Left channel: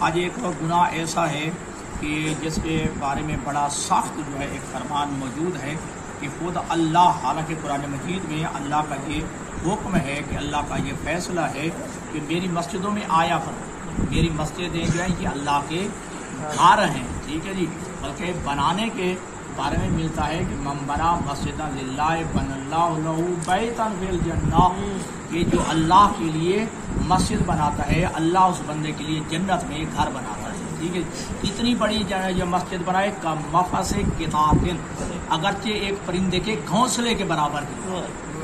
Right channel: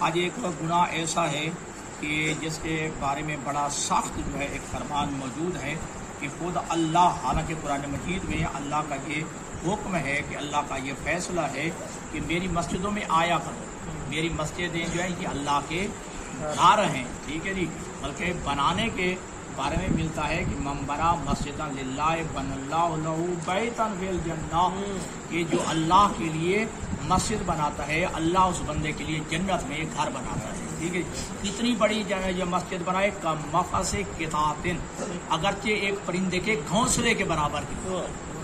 آج ایک گناہ ایسا ہے کہ جس کے بارے میں بڑا سخت جو ہے ایک فرمان موجود ہے کہ خود اللہ، حالانکہ قرآن مجید میں اللہ کا یہ حکم ہے کہ اللہ کا یہ فیصلہ ہے کہ میری مسجدوں میں آیا کرو، میری مسجدیں جو ہیں یہ اللہ کے گھر ہیں، ٹھیک ہے جی، بلکہ بنانے کے بارے میں ملتا ہے کہ من بنا مسجد للہ بن اللہ لہ بیتا فی الجنہ، کہ جو اللہ کے لیے مسجد بناتا ہے اللہ اس بندے کے لیے جنت میں ایک گھر بناتا ہے، ٹھیک ہے۔ اتنی بڑی جو مسجد بنائے کا مفس کتاتن، اگرچہ ایک پرندے کے گھونسلے کے برابر کی،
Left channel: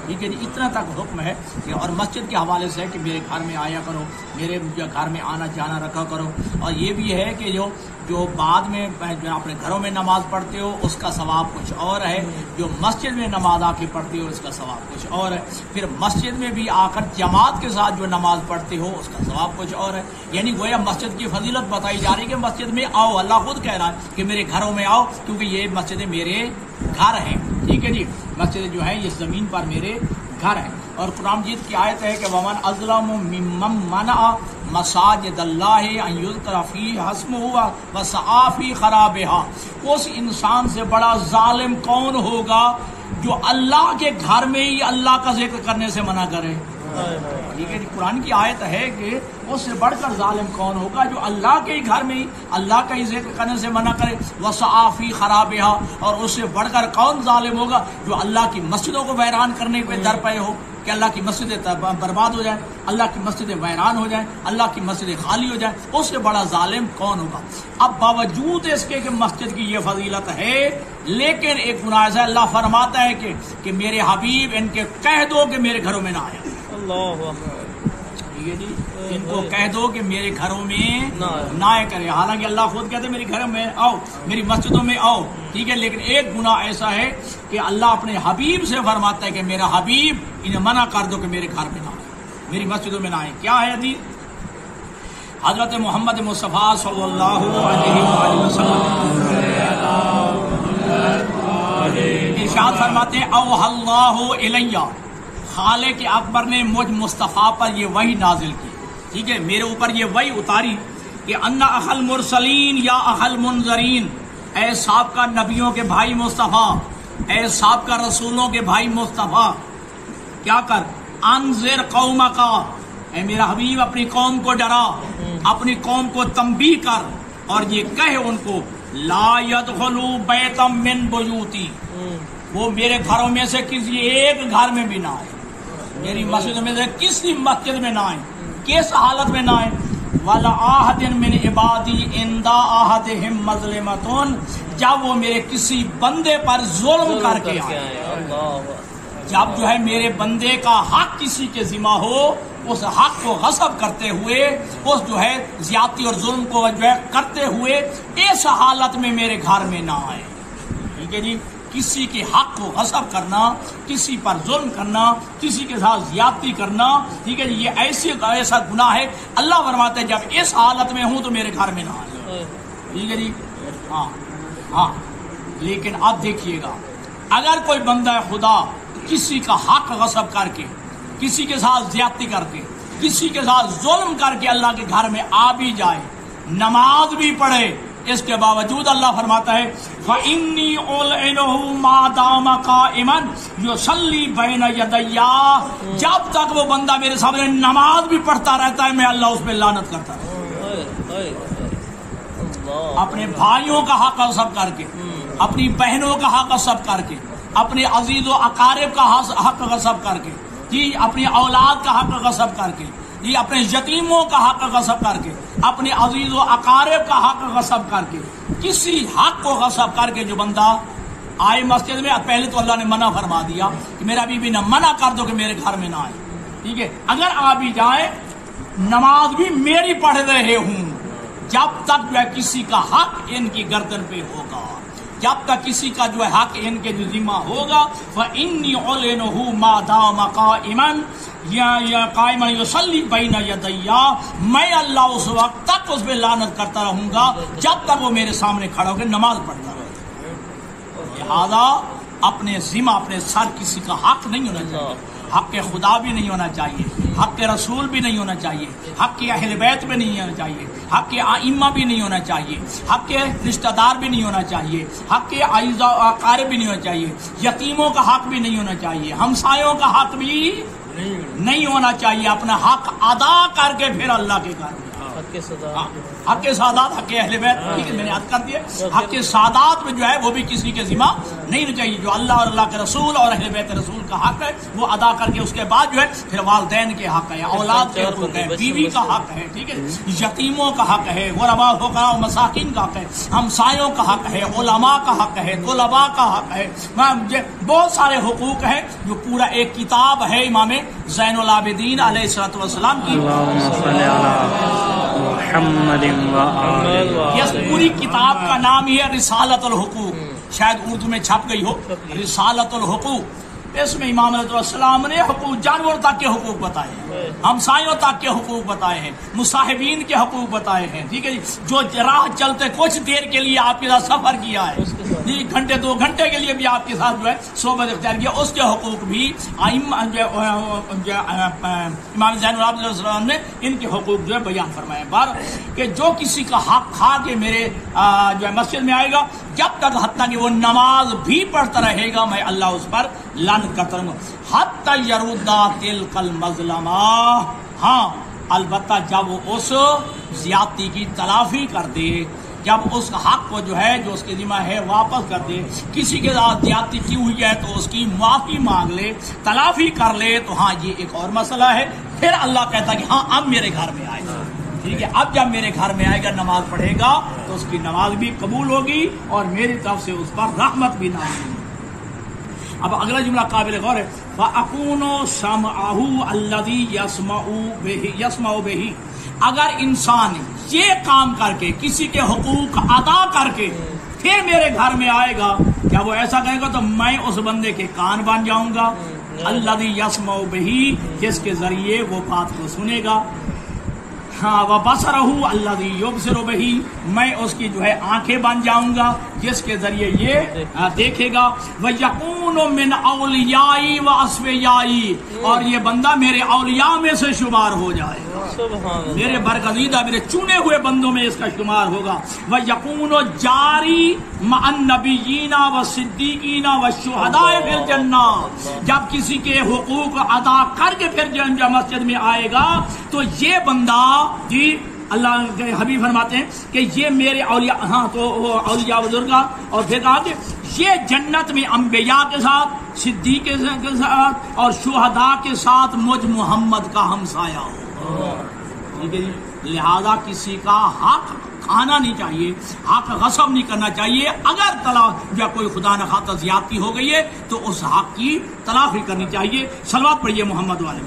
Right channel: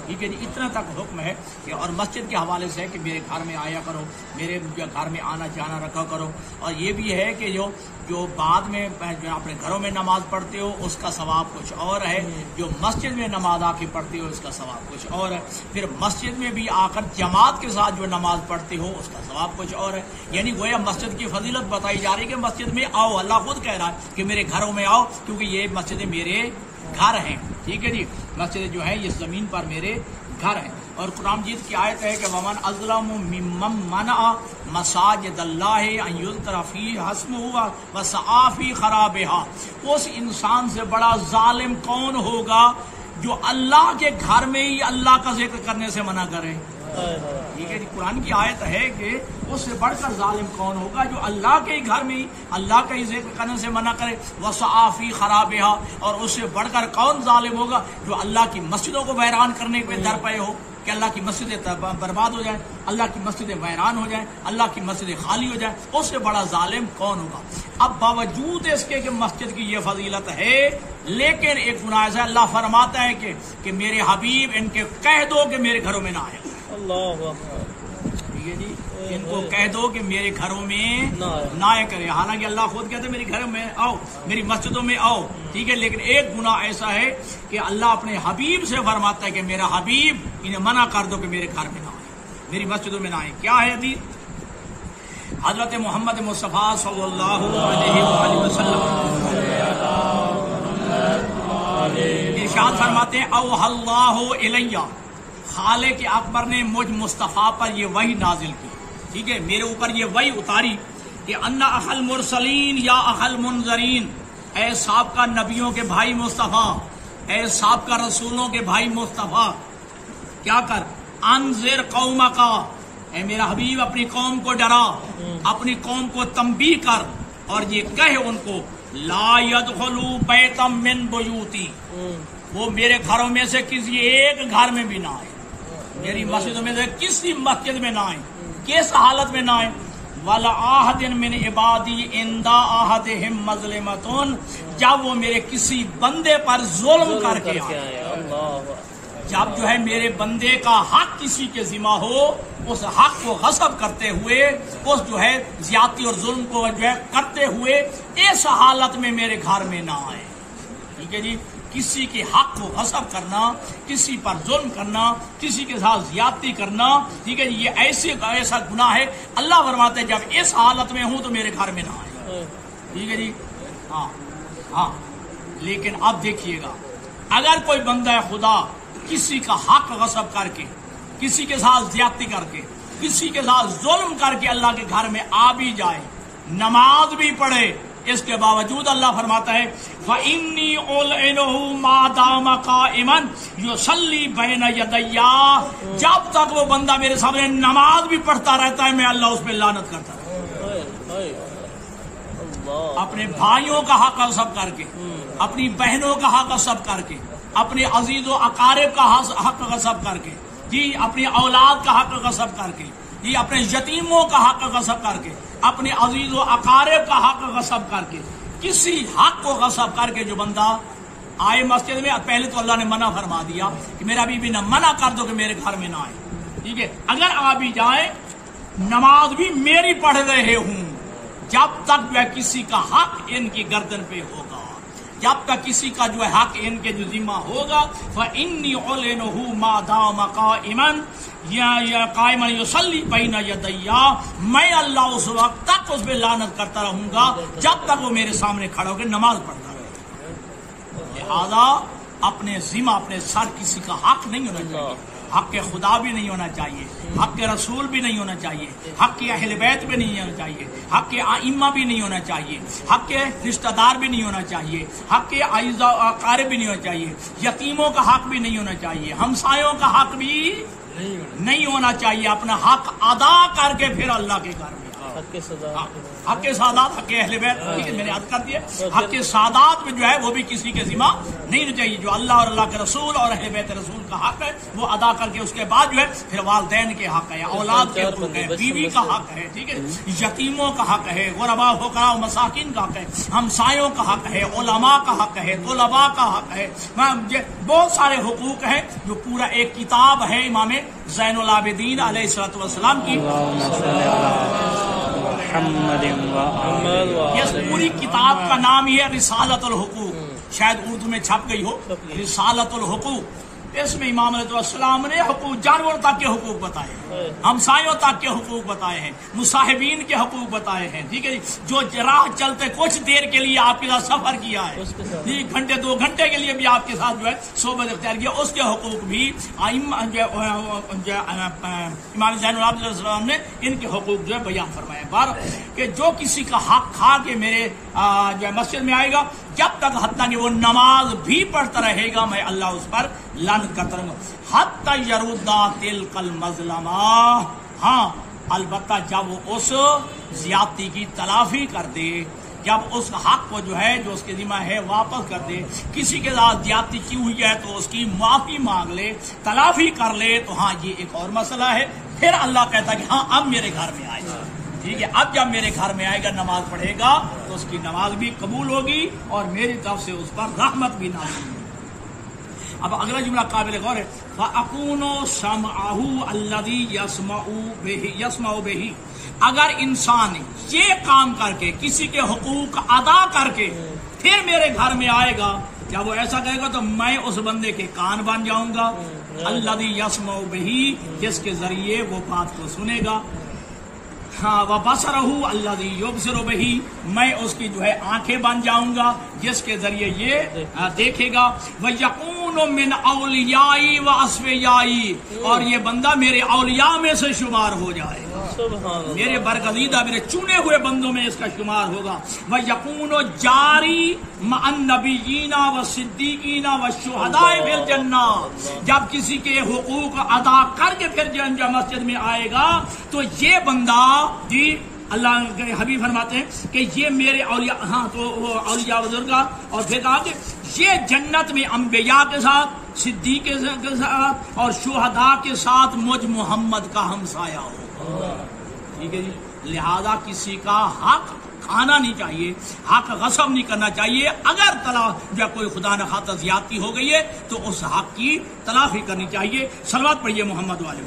ٹھیک ہے جی، اتنا تک حکم ہے کہ اور مسجد کے حوالے سے ہے کہ میرے گھر میں آیا کرو، میرے گھر میں آنا جانا رکھا کرو، اور یہ بھی ہے کہ جو بعد میں جو اپنے گھروں میں نماز پڑھتے ہو اس کا ثواب کچھ اور ہے، جو مسجد میں نماز آ کے پڑھتے ہو اس کا ثواب کچھ اور ہے، پھر مسجد میں بھی آ کر جماعت کے ساتھ جو نماز پڑھتے ہو اس کا ثواب کچھ اور ہے، یعنی گویا مسجد کی فضیلت بتائی جا رہی ہے کہ مسجد میں آؤ، اللہ خود کہہ رہا ہے کہ میرے گھروں میں آؤ کیونکہ یہ مسجدیں میرے گھر ہیں، ٹھیک ہے جی، مسجد جو ہیں یہ زمین پر میرے گھر ہیں۔ اور قرآن مجید کی آیت ہے کہ ومن اظلم ممن منع مساجد اللہ ان یذکر فیہ اسمہ وسعی فی خرابها، اس انسان سے بڑا ظالم کون ہوگا جو اللہ کے گھر میں ہی اللہ کا ذکر کرنے سے منع کرے، ٹھیک ہے جی، قرآن کی آیت ہے کہ اس سے بڑھ کر ظالم کون ہوگا جو اللہ کے ہی گھر میں ہی اللہ کا ہی ذکر کرنے سے منع کرے، وسعی فی خرابها، اور اس سے بڑھ کر کون ظالم ہوگا جو اللہ کی مسجدوں کو ویران کرنے پہ در پے ہو کہ اللہ کی مسجدیں برباد ہو جائیں، اللہ کی مسجدیں ویران ہو جائیں، اللہ کی مسجدیں خالی ہو جائیں، اس سے بڑا ظالم کون ہوگا۔ اب باوجود اس کے کہ مسجد کی یہ فضیلت ہے لیکن ایک گناہ ہے، اللہ فرماتا ہے کہ میرے حبیب ان کے کہہ دو کہ میرے گھروں میں نہ آیا، ٹھیک ہے جی، ان کو کہہ دو کہ میرے گھروں میں نہ آیا کرے، حالانکہ اللہ خود کہتے ہیں میرے گھروں میں آؤ، میری مسجدوں میں آؤ، ٹھیک ہے، لیکن ایک گناہ ایسا ہے کہ اللہ اپنے حبیب سے فرماتا ہے کہ میرا حبیب انہیں منع کر دو کہ میرے گھر میں نہ آئے، میری مسجدوں میں نہ آئے۔ کیا ہے حدیث؟ حضرت محمد مصطفیٰ صلی اللہ علیہ وآلہ وسلم ارشاد فرماتے ہیں اوحی اللہ الیہ، خالق اکبر نے مجھ مصطفیٰ پر یہ وحی نازل کی، ٹھیک ہے، میرے اوپر یہ وحی اتاری کہ ان اخل مرسلین یا اخل منذرین، اے سابقہ نبیوں کے بھائی مصطفیٰ، اے سابقہ رسولوں کے بھائی مصطفیٰ، کیا کر انذر قومک، اے میرا حبیب اپنی قوم کو ڈرا، اپنی قوم کو تنبیہ کر اور یہ کہے ان کو لا يدخلوا بیتا من بیوتی، وہ میرے گھروں میں سے کسی ایک گھر میں بھی نہ آئے، میری مسجد میں سے کسی مسجد میں نہ آئے، کس حالت میں نہ آئے، وَلَا أَحَدٍ مِّنْ عِبَادِي عِنْدَ أَحَدِهِمْ مَظْلِمَةٌ، جب وہ میرے کسی بندے پر ظلم کر کے آئے، جب جو ہے میرے بندے کا حق کسی کے ذمہ ہو، اس حق کو غصب کرتے ہوئے، اس جو ہے زیادتی اور ظلم کو جو ہے کرتے ہوئے اس حالت میں میرے گھر میں نہ آئے، ٹھیک ہے جی، کسی کے حق کو غصب کرنا، کسی پر ظلم کرنا، کسی کے ساتھ زیادتی کرنا، ٹھیک ہے، یہ ایسا گناہ ہے، اللہ فرماتے ہیں جب اس حالت میں ہوں تو میرے گھر میں نہ آئے، ٹھیک ہے جی، ہاں، لیکن اب دیکھیے گا اگر کوئی بندہ خدا کسی کا حق غصب کر کے، کسی کے ساتھ زیادتی کر کے، کسی کے ساتھ ظلم کر کے اللہ کے گھر میں آ بھی جائے، نماز بھی پڑھے، اس کے باوجود اللہ فرماتا ہے فَإِنِّي أُلْعِنُهُ مَا دَامَ قَائِمًا يُصَلِّي بَيْنَ يَدَيَّ، جب تک وہ بندہ میرے سامنے نماز بھی پڑھتا رہتا ہے میں اللہ اس پہ لعنت کرتا رہتا ہوں، اپنے بھائیوں کا حق غصب کر کے، اپنی بہنوں کا حق غصب کر کے، اپنے عزیز و اقارب کا حق غصب کر کے، جی اپنی اولاد کا حق غصب کر کے، جی اپنے یتیموں کا حق غصب کر کے، اپنے عزیز و اقارب کا حق غصب کر کے، کسی حق کو غصب کر کے جو بندہ آئے مسجد میں، پہلے تو اللہ نے منع فرما دیا کہ میرا بیوی نہ منع کر دو کہ میرے گھر میں نہ آئے، ٹھیک ہے، اگر آ بھی جائے نماز بھی میری پڑھ رہے ہوں، جب تک جو ہے کسی کا حق ان کی گردن پہ ہوگا، جب تک کسی کا جو ہے حق ان کے جو ذمہ ہوگا، فَإِنِّي أُعْلِنُهُ مَا دَامَ قَائِمًا یا قائمًا يُصَلِّي بَيْنَ يَدَيَّ، میں اللہ اس وقت تک اس پہ لعنت کرتا رہوں گا جب تک وہ میرے سامنے کھڑا ہو کے نماز پڑھتا رہے، لہذا اپنے ذمہ اپنے سر کسی کا حق نہیں ہونا چاہیے، حق خدا بھی نہیں ہونا چاہیے، حق رسول بھی نہیں ہونا چاہیے، حق اہل بیت بھی نہیں ہونا چاہیے، حق ائمہ بھی نہیں ہونا چاہیے، حق رشتہ دار بھی نہیں ہونا چاہیے، حق اعزاء و اقارب بھی نہیں ہونا چاہیے، یتیموں کا حق بھی نہیں ہونا چاہیے، ہمسایوں کا حق بھی نہیں ہونا چاہیے۔ اپنا حق ادا کر کے پھر اللہ کے گھر میں حق کے سادات، حق اہل بیت، ٹھیک ہے میں نے عرض کر دیا، حق کے سادات میں جو ہے وہ بھی کسی کے ذمہ نہیں ہونا چاہیے۔ جو اللہ اور اللہ کے رسول اور اہل بیت رسول کا حق ہے وہ ادا کر کے اس کے بعد جو ہے پھر والدین کے حق ہے، اولاد کے حقوق ہے، بیوی کا حق ہے، ٹھیک ہے، یتیموں کا حق ہے، غرباء فقراء و مساکین کا حق ہے، ہمسایوں کا حق ہے، علماء کا حق ہے، طلباء کا حق ہے، بہت سارے حقوق ہیں جو پورا ایک کتاب ہے امام زین العابدین علیہ الصلوۃ والسلام کی۔ اس پوری کتاب کا نام ہی ہے رسالۃ الحقوق، شاید اردو میں چھپ گئی ہو، رسالۃ الحقوق۔ اس میں امام علیہ السلام نے حقوق، جانور تک کے حقوق بتائے ہیں، ہمسایوں تک کے حقوق بتائے ہیں، مصاحبین کے حقوق بتائے ہیں، ٹھیک ہے جی، جو راہ چلتے کچھ دیر کے لیے آپ کے ساتھ سفر کیا ہے جی، گھنٹے 2 گھنٹے کے لیے بھی آپ کے ساتھ جو ہے صحبت اختیار کیا، اس کے حقوق بھی امام زین العابدین علیہ السلام نے ان کے حقوق جو ہے بیان فرمائے کہ جو کسی کا حق کھا کے میرے جو ہے مسجد میں آئے گا، جب تک حتیٰ کہ وہ نماز بھی پڑھتا رہے گا میں اللہ اس پر لعنت کرتا رہوں گا، حتیٰ یردا تلک المظلمہ، ہاں البتہ جب وہ اس زیادتی کی تلافی کر دے، جب اس حق کو جو ہے جو اس کے ذمہ ہے واپس کر دے، کسی کے ساتھ زیادتی کی ہوئی ہے تو اس کی معافی مانگ لے، تلافی کر لے، تو ہاں یہ ایک اور مسئلہ ہے، پھر اللہ کہتا ہے کہ ہاں اب میرے گھر میں آئے، ٹھیک ہے، اب جب میرے گھر میں آئے گا نماز پڑھے گا تو اس کی نماز بھی قبول ہوگی اور میری طرف سے اس پر رحمت بھی نازل ہوگی۔ اب اگلا جملہ قابل غور ہے، وَأَكُونُ سَمْعَهُ الَّذِي يَسْمَعُ بِهِ، اگر انسان یہ کام کر کے کسی کے حقوق ادا کر کے پھر میرے گھر میں آئے گا، کیا وہ ایسا کرے گا تو میں اس بندے کے کان بن جاؤں گا، الَّذِي يَسْمَعُ بِهِ، جس کے ذریعے وہ بات کو سنے گا، ہاں وَبَصَرَهُ الَّذِي يُبْصِرُ بِهِ، میں اس کی جو ہے آنکھیں بن جاؤں گا جس کے ذریعے یہ دیکھے گا، وَيَكُونُ مِنْ أَوْلِيَائِي وَأَصْفِيَائِي، اور یہ بندہ میرے اولیاء میں سے شمار ہو جائے گا، میرے برگزیدہ میرے چنے ہوئے بندوں میں اس کا شمار ہوگا، وَيَكُونُ جَارِي مَعَ النَّبِيِّينَ وَالصِّدِّيقِينَ وَالشُّهَدَاءِ فِي الْجَنَّةِ، جب کسی کے حقوق ادا کر کے پھر جب مسجد میں آئے گا تو یہ بندہ جی اللہ کے حبیب فرماتے ہیں کہ یہ میرے اولیاء، ہاں تو وہ اولیاء بزرگاں، اور پھر کہا کہ یہ جنت میں انبیاء کے ساتھ، صدیق کے ساتھ اور شہداء کے ساتھ مجھ محمد کا ہمسایہ ہو، ٹھیک ہے جی، لہذا کسی کا حق کھانا نہیں چاہیے، حق غصب نہیں کرنا چاہیے، اگر طلاق یا کوئی خدا نخواستہ زیادتی ہو گئی ہے تو اس حق کی تلافی کرنی چاہیے۔ صلوات پڑھیے محمد والے۔